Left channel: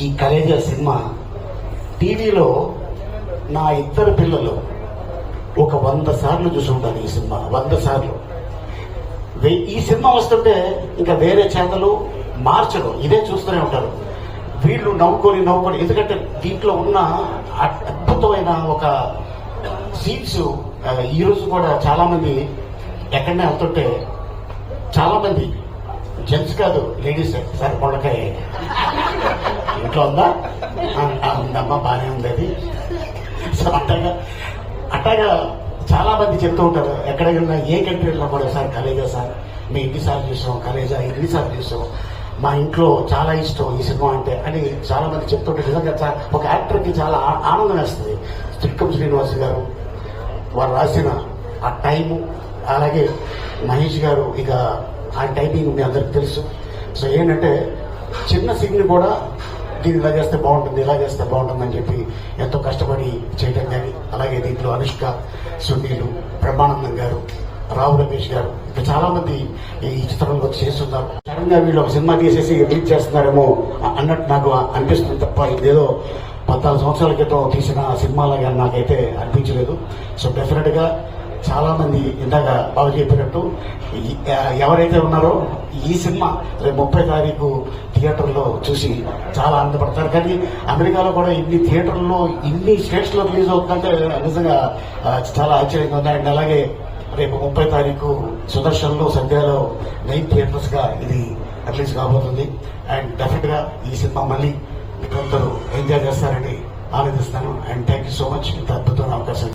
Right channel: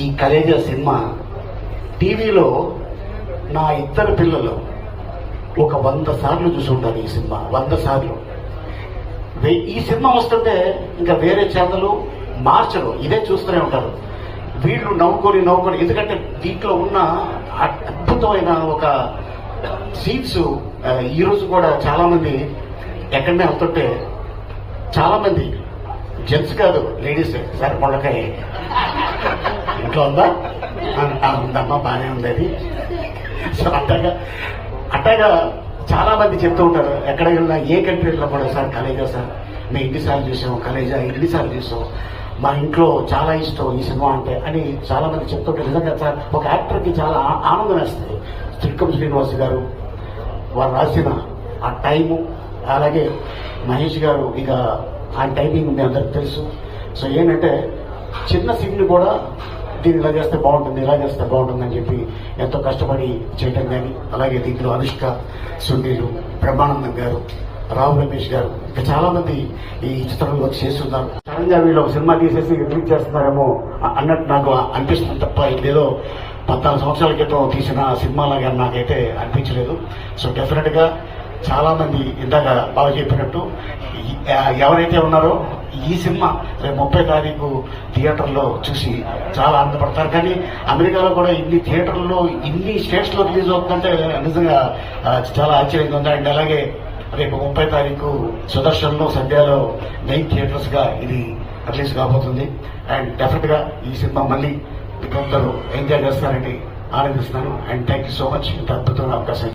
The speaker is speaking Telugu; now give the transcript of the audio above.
ఈ కలేజా సినిమా టీవీలో నా ఇద్దరు పిల్లలు ఒక వంద సార్లు చూసుంటారు ఈ సినిమా వంద సార్లు. ఈ సినిమా వస్తుంటే ఇంకా వేరే ఛానల్ మార్చరు ఇదే చూస్తూనే ఉంటారు. వీళ్ళు నవ్వుకొని నవ్వుకొని ఎందుకంటే దీంట్లో ఉన్న అద్భుతమైన ఒక సీన్స్ ఈరోజు కూడా చాలామంది ఎక్కడనే వెళ్తుంటే చాలామంది జెంట్స్ కాదు లేడీస్ సార్ పొడకాయ ఇంట్లో ఉందా ఆ, ఆ, ఉందమ్మా బాగానే ఉంది అది సో అట్లాగా అట్లాగా చాలా మంది చెప్తూ ఉంటారు ఎక్కడ వెళ్ళినా ఏ కంట్రీ వెళ్ళినా కూడా సార్ కలేజా సార్? మేము ఎన్నిసార్లు చూసాం కలేజా? ఎన్నిసార్లు చూసాం? మా ఇంట్లో చాలా ఇష్టం ఈ సినిమా అంటే అని చాలా మంది చెప్తుంటారు నిజంగా సార్ ఒక యాక్టర్కి చాలా ఆనందం వేస్తుంది. త్రికం శ్రీనివాస్ గారు వారు రాసిన ఆ టైము అలాగే మహేష్ గారు ఇక ఆ టైమింగ్ మీ అందరికి తెలుసు. సో ఏంటంటే చిన్న సీన్ కూడా దీన్ని ఇలా చేస్తే బాగుంటుంది ఇలా చేస్తే బాగుంటుంది అని చెప్పి ఎంతో కష్టపడి చేయడం కానీ అలాగే దీంట్లో అనుష్క సునీల్ బ్రహ్మానందం గారు రావు రమేష్ గారు ఇంకా చాలా మంది ఈ చిత్రంలో వచ్చి చేస్తున్నారు. సడన్గా వీళ్ళు ఒక సినిమా తీసేసి రిలీజ్ చేస్తున్నారేమో అన్నట్టు నాకు అనిపిస్తుంది తప్ప ఇదేదో పద్నాలుగు సంవత్సరాల క్రితం తీసిన సినిమాలుగా నాకైతే అనిపించలేదు. సో డెఫినెట్ చాలామంది చాలా మంది ఇందాక బాగా చెప్పినట్టు ఎవరైతే ఉన్నారో ఈ సినిమా రేపు ముప్పై తారీఖు థియేటర్లో చూసి చాలా ఆనందపడతారు. కానీ అమెరికాలో కూడా ఇన్ని థియేటర్లో ఇన్ని స్టేట్స్లో రిలీజ్ అవుతుందంటే నిజంగా చాలా ఆశ్చర్యంగా ఉంది. అండ్ అలాగే రేపు ముప్పై తారీఖు సుదర్శన్లో సంధ్యలో మెయిన్ థియేటర్స్గా ఇది రిలీజ్ కాబోతుంది. అండ్ డెఫినెట్గా ఈ సినిమా మళ్ళీ మీకందరూ ఎంజాయ్ చేస్తారని ఆనందిస్తాను and thank you so much ఇంత అద్భుతమైన అవకాశం